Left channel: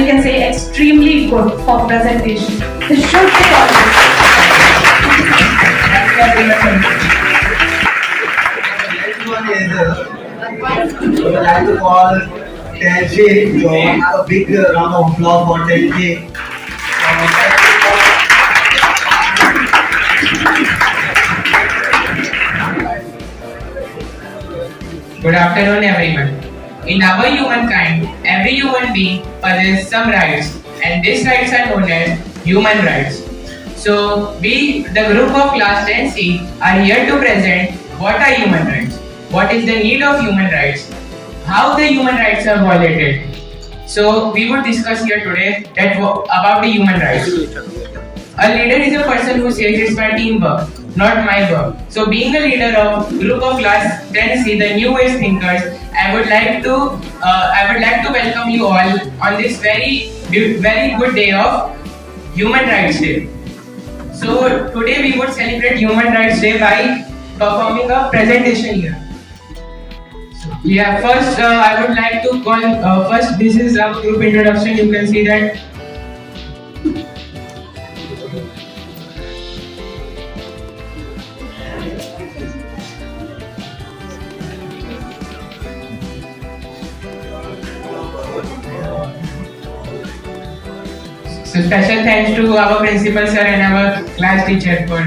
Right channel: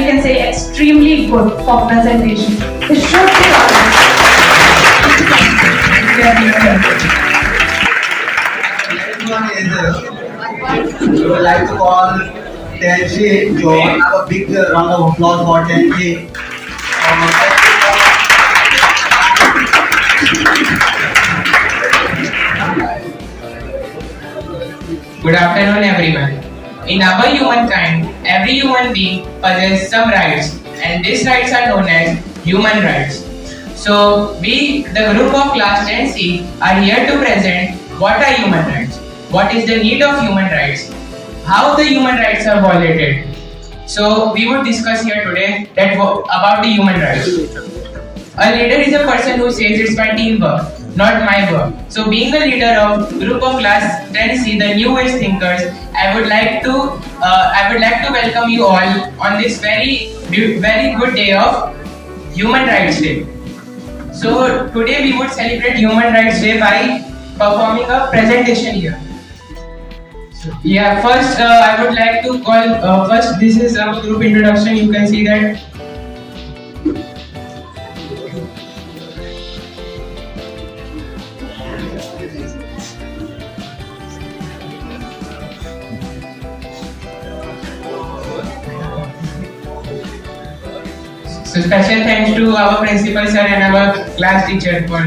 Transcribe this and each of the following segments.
you can say extremely good for presentation. They should be called. Thank you everyone. Next one is we would like to call Tensi. So have a big round of applause for Tensi. Good afternoon, everyone. In our humankind, every human being possesses some rights, and these rights are known as human rights. So, we, the group of class 10C, are here to present what are human rights, what is the need of human rights, how the human rights are violated. So, we would discuss here today about the human rights. A leader is a person who says it's my teamwork, not my work. So being a leader of group of class 10C, the new age thinkers, I would like to welcome you all on this very good day of Human Rights Day. So today we would celebrate Human Rights Day by performing a presentation here. Yeah, first I would like to call first this is our group introduction. You can see that. So special thanks to our principal sir and our class teacher for.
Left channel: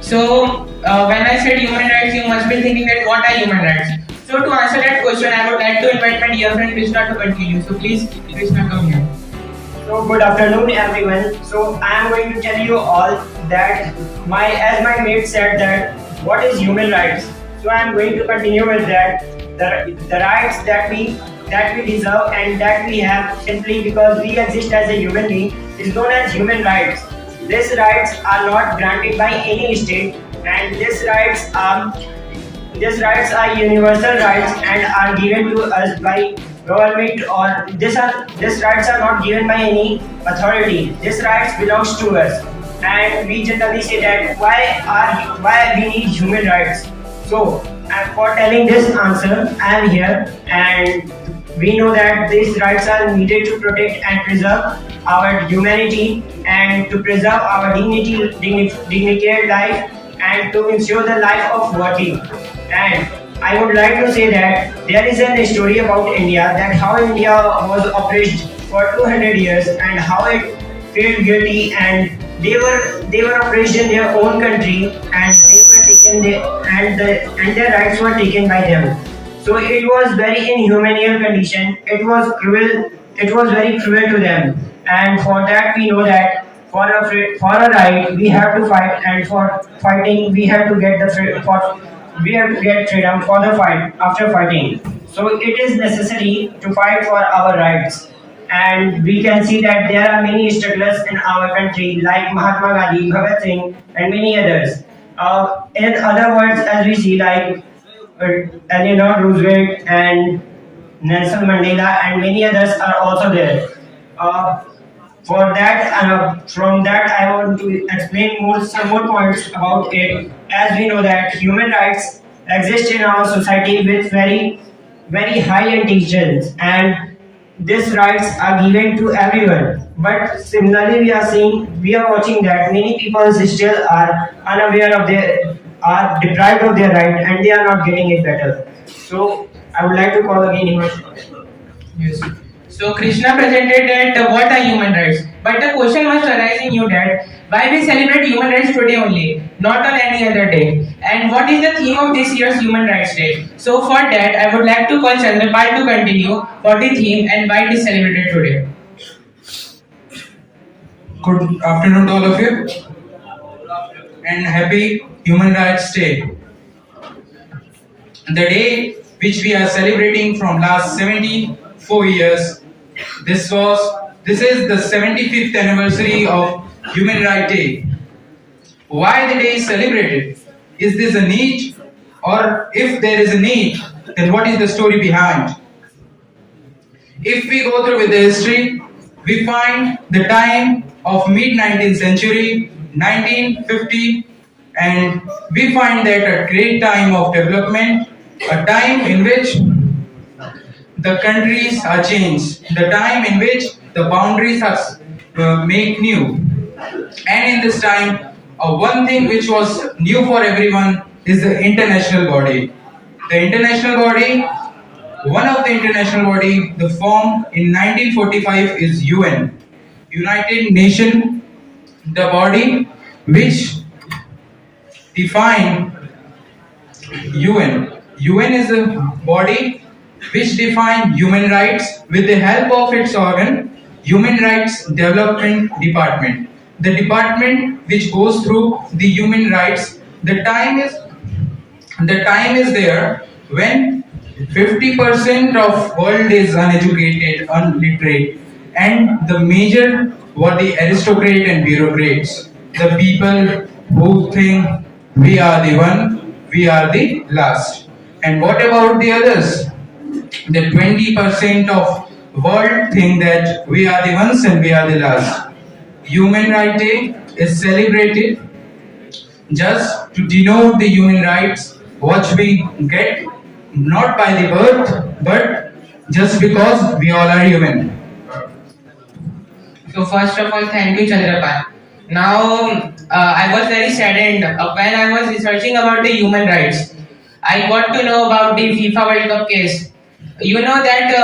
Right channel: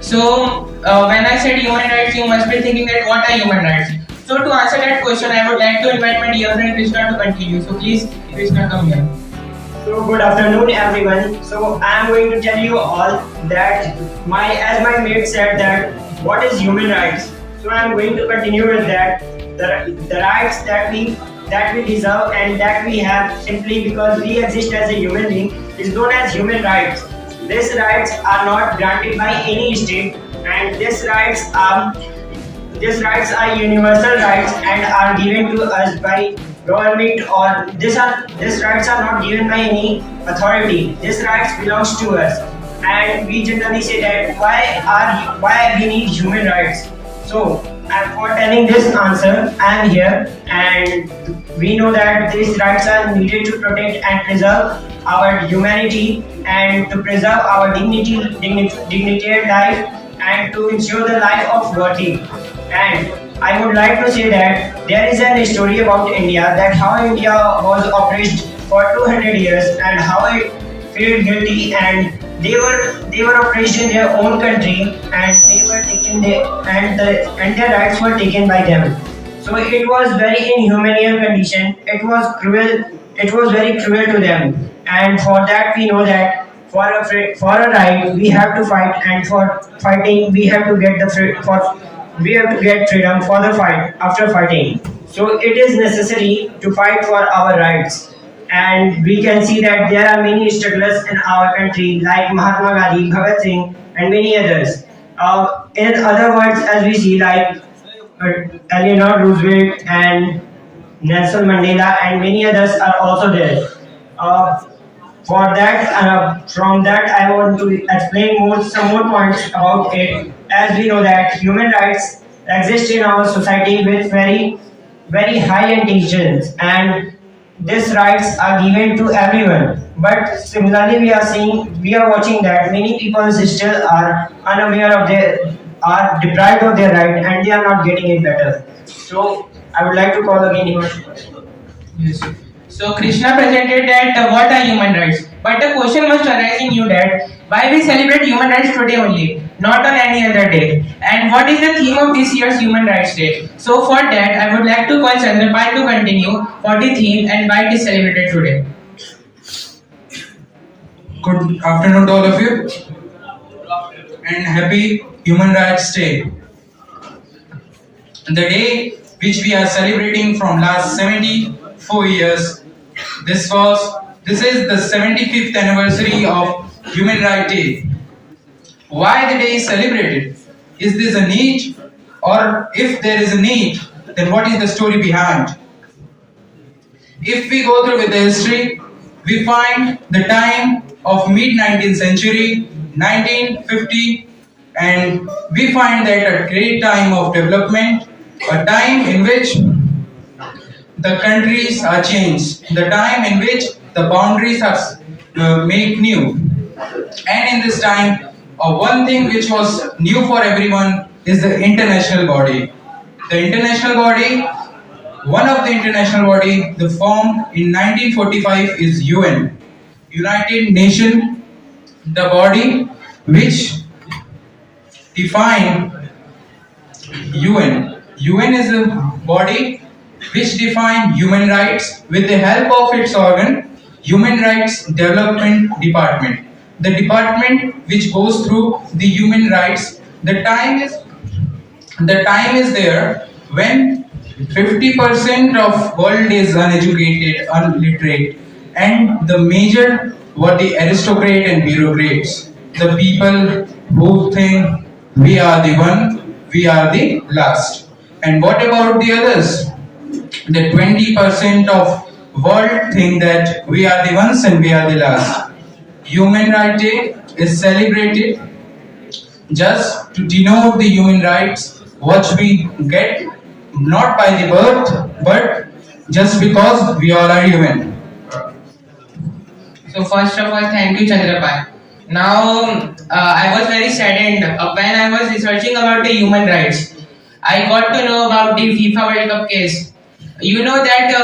So when I said human rights, you must be thinking that what are human rights? So to answer that question, I would like to invite my dear friend Krishna to continue. So please, Krishna, come here. So good afternoon everyone. So I am going to tell you all that as my mate said that what is human rights. So I am going to continue with that. The rights that we deserve and that we have simply because we exist as a human being is known as human rights. These rights are not granted by any state, and these rights are universal rights and are given to us by government, or these rights are not given by any authority. These rights belongs to us, and we generally say that why we need human rights. So for telling this answer, I am here, and we know that these rights are needed to protect and preserve our humanity and to preserve our dignified life and to ensure the life of worthy. And I would like to say that there is a story about India, that how India was oppressed for 200 years and how it felt guilty, and they were oppressed in their own country, and they were taken their rights were taken by them. So it was very inhumane condition. It was cruel. It was very cruel to them, and for that we know that for a right we have to fight, and for fighting we have to get freedom for the fight after fighting. So it is necessary to fight for our rights. And we can see that there are many strugglers in our country like Mahatma Gandhi, Bhagat Singh, and many others. In other words, as we see like Eleanor Roosevelt and Nelson Mandela and many others are also there. From that, I want to explain some more points about it. As we know that human rights exist in our society with very, very high intentions, and these rights are given to everyone. But similarly, we are watching that many people still are unaware of are deprived of their right, and they are not getting it better. So I would like to call again Himanshu. Yes. So Krishna presented that what are human rights, but the question must arise in you that why we celebrate human rights today only, not on any other day, and what is the theme of this year's Human Rights Day. So for that, I would like to call Chandrapal to continue for the theme and why it is celebrated today. Good afternoon to all of you, and happy Human Rights Day. The day which we are celebrating from last 74 years. This is the 75th anniversary of Human Rights Day. Why the day is celebrated? Is this a need? Or if there is a need, then what is the story behind? If we go through with the history, we find the time of mid-19th century, 1950 and we find that a great time of development, a time in which the countries are changed, the time in which the boundaries are made new. And in this time, one thing which was new for everyone is the international body. The international body, one of the international body, the formed in 1945 is UN, United Nations, the body which define UN. UN is a body which define human rights with the help of its organ, Human Rights Development Department. The department which goes through the human rights. The time is there when 50% of world is uneducated, illiterate, and the major were the aristocrat and bureaucrats, the people who think we are the one, we are the last. And what about the others? The 20% of world think that we are the ones and we are the last. Human Rights Day is celebrated just to denote the human rights which we get not by the birth but just because we all are human. So first of all, thank you, Chandrapai. Now, I was very saddened when I was researching about the human rights. I got to know about the FIFA World Cup case. You know that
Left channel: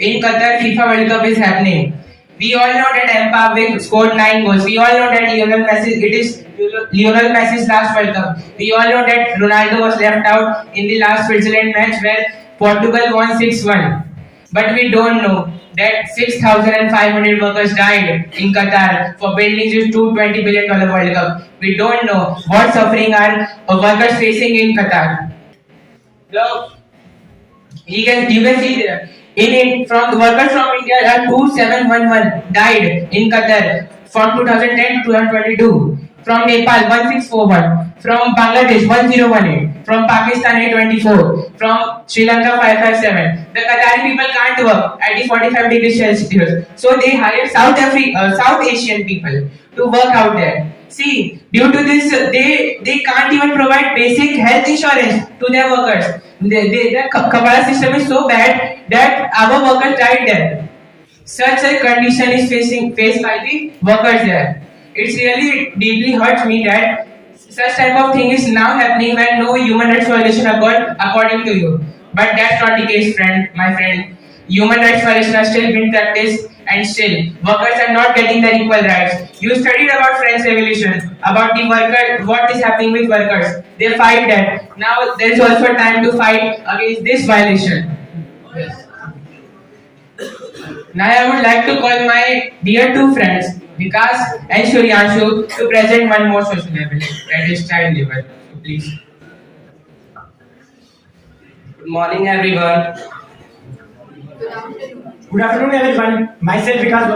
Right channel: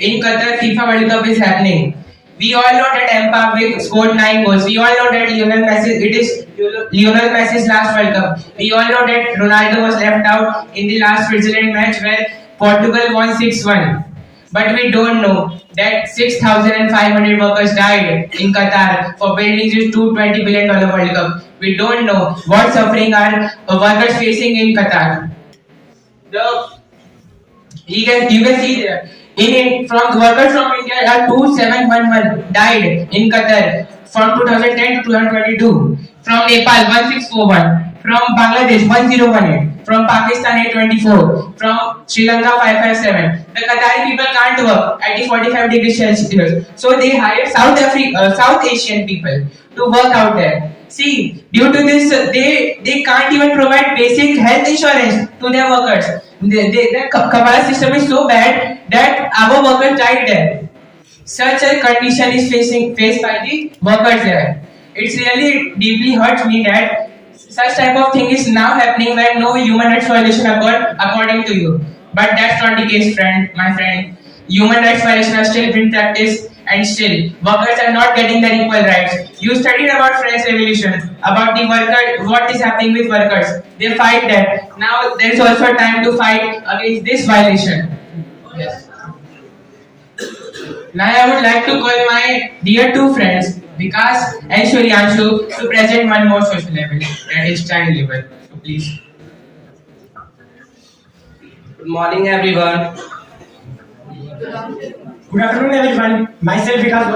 in Qatar, FIFA World Cup is happening. We all know that Mbappe scored 9 goals. We all know that it is Lionel Messi's last World Cup. We all know that Ronaldo was left out in the last Switzerland match where Portugal won 6-1. But we don't know that 6,500 workers died in Qatar for building this $220 billion World Cup. We don't know what suffering are workers facing in Qatar. You can see there. From the workers from India are 2711 died in Qatar from 2010 to 2022. From Nepal 1641. From Bangladesh 1018. From Pakistan 824. From Sri Lanka 557. The Qatari people can't work at the 45 degrees Celsius. So they hired South Asian people to work out there. See, due to this, they can't even provide basic health insurance to their workers. The Kabbalah system is so bad that our workers died there. Such a condition is faced by the workers there. It's really deeply hurts me that such type of thing is now happening when no human rights violation occurred according to you. But that's not the case, my friend. Human rights violations are still being practiced and still workers are not getting their equal rights. You studied about French Revolution, about the worker, what is happening with workers. They fight that. Now there is also a time to fight against this violation. Yes. Now I would like to call my dear two friends, Vikas and Suryanshu, to present one more social level, that is child labor. So please. Good morning, everyone. Good afternoon, everyone. Myself, Vikas.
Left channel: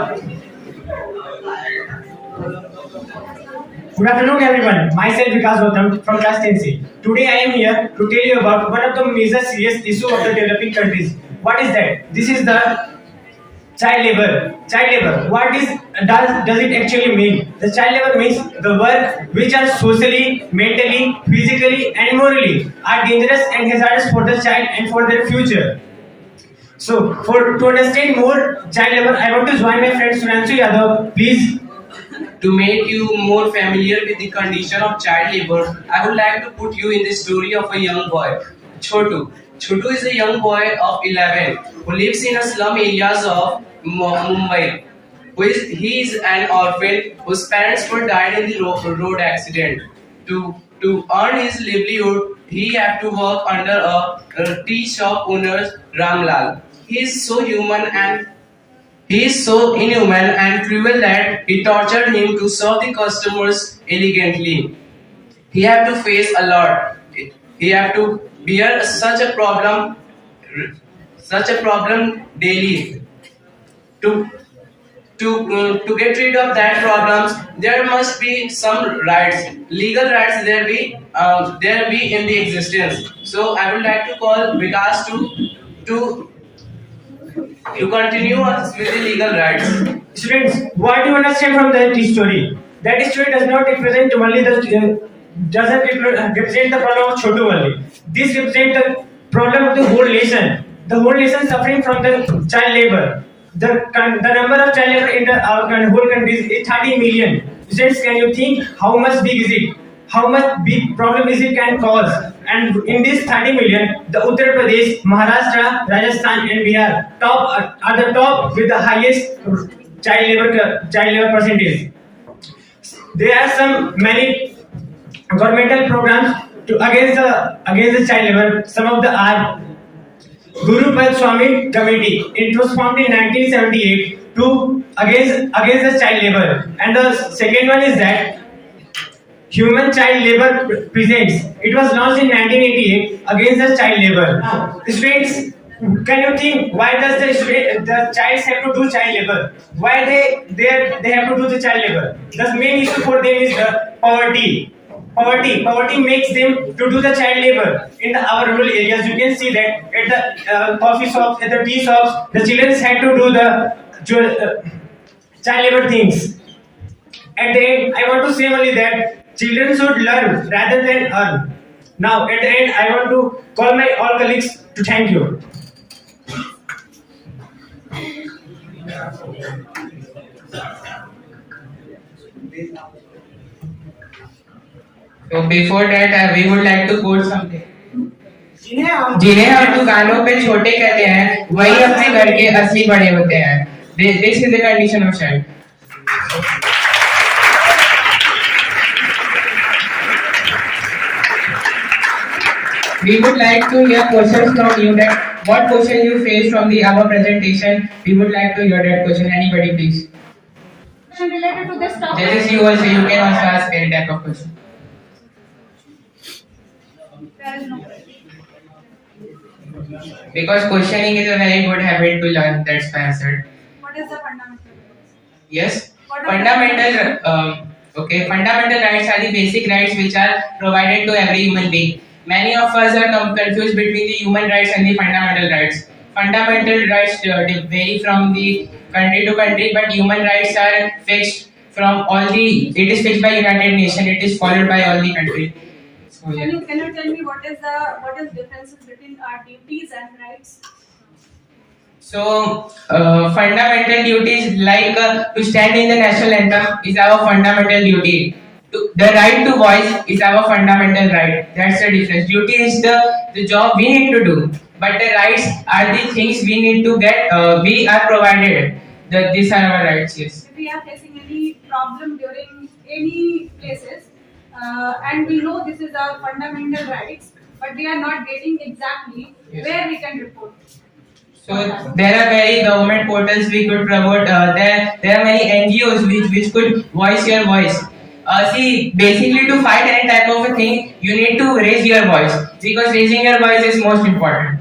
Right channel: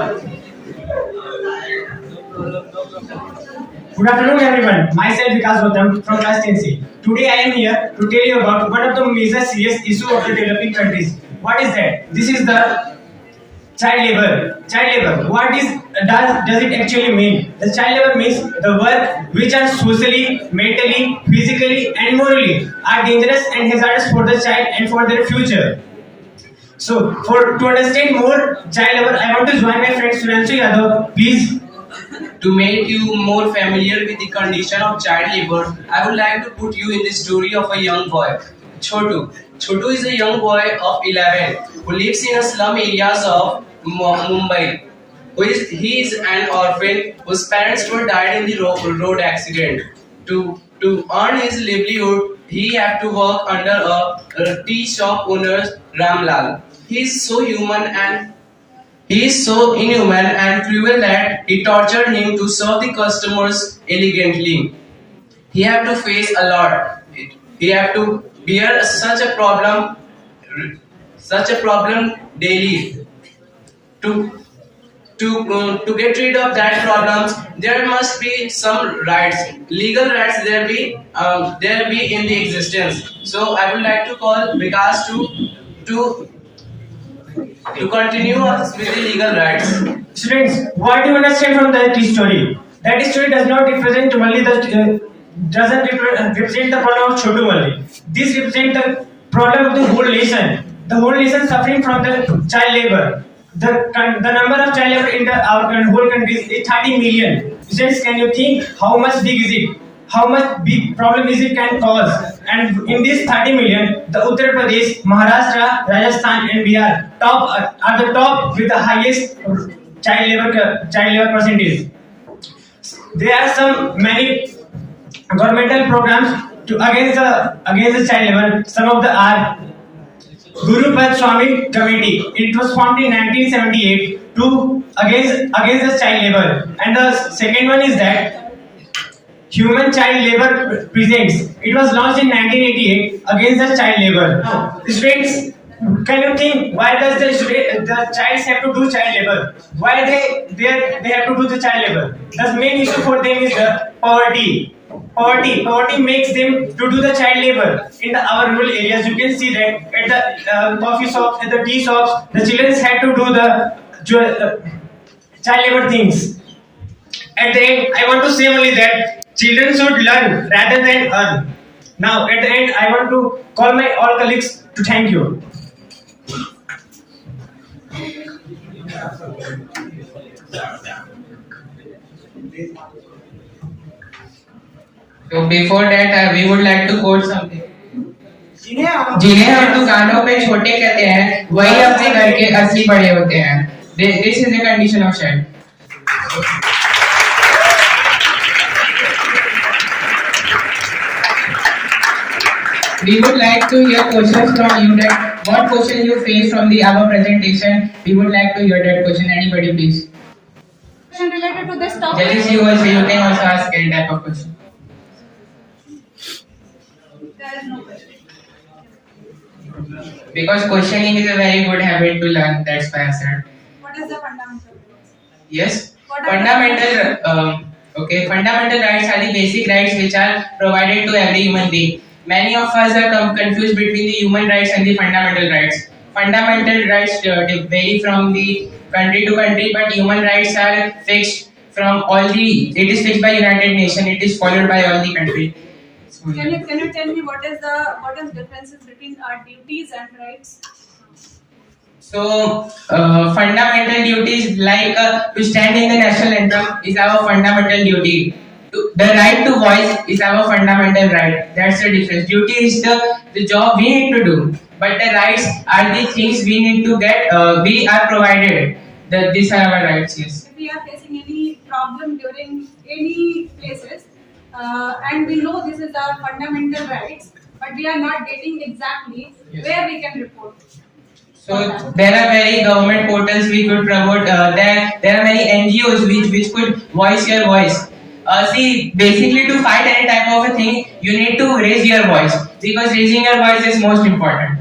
Good afternoon, everyone. Myself, Vikas Gautam from class 10C. Today, I am here to tell you about one of the major serious issues of the developing countries. What is that? This is the child labor. Child labor. What does it actually mean? The child labor means the work which are socially, mentally, physically, and morally are dangerous and hazardous for the child and for their future. So, to understand more child labor, I want to join my friend Suryanshu Yadav. Please. To make you more familiar with the condition of child labor, I would like to put you in the story of a young boy, Chotu. Chotu is a young boy of 11 who lives in a slum areas of Mumbai. He is an orphan whose parents were died in the road accident. To earn his livelihood, he had to work under a tea shop owner, Ramlal. He is so inhuman and cruel that he tortured him to serve the customers elegantly. He had to face a lot. He had to bear such a problem daily. To get rid of that problems, there must be some rights, legal rights. There be in the existence. So I would like to call Vikas to continue us with the legal rights. Students, what do you understand from that story? That story does not represent only the doesn't represent the problem of Chotu only. This represents the problem of the whole nation. The whole nation suffering from the child labor. The number of child labor in our whole country is 30 million. Just can you think how much big is it? How much big problem is it can cause? And in this 30 million, the Uttar Pradesh, Maharashtra, Rajasthan, and Bihar are the top with the highest child labor percentage. There are some many governmental programs to against the child labor. Some of the are Guru Pad Swami Committee. It was formed in 1978 to against the child labor. And the second one is that Human Child Labor Presents. It was launched in 1988 against the child labor. Students, can you think why does the child have to do child labor? Why they have to do the child labor? The main issue for them is poverty. Poverty makes them to do the child labor. In our rural areas, you can see that at the coffee shops, at the tea shops, the children had to do the child labor things. At the end, I want to say only that children should learn rather than earn. Now, at the end, I want to call my all colleagues to thank you. So before that, we would like to quote something. जिन्हें हम दुकानों पे छोटे कहते हैं, वही अपने घर के असली बड़े होते हैं. This is the condition of child. We would like to hear questions from you. That what question you faced from the our presentation. We would like to hear that question. Anybody, please. Question related to this topic. Judges, you can also ask any type of question. There is no question. Because questioning is a very good habit to learn. That's why I said. What is the fundamental? Yes. What are Fundamental. Fundamental rights are the basic rights which are provided to every human being. Many of us are confused between the human rights and the fundamental rights. Fundamental rights vary from the country to country, but human rights are fixed from all the. It is fixed by United Nations. It is followed by all the countries. So, yeah. Can you tell me what is differences between our duties and rights? So, fundamental duties like to stand in the national anthem is our fundamental duty. The right to voice is our fundamental right. That's the difference. Duty is the job we need to do, but the rights are the things we need to get. We are provided. These are our rights. Yes. If we are facing any problem during any places, and we know this is our fundamental rights, but we are not getting exactly where we can report. So there are many government portals we could promote. There are many NGOs which could voice your voice. See, basically to fight any type of a thing, you need to raise your voice because raising your voice is most important.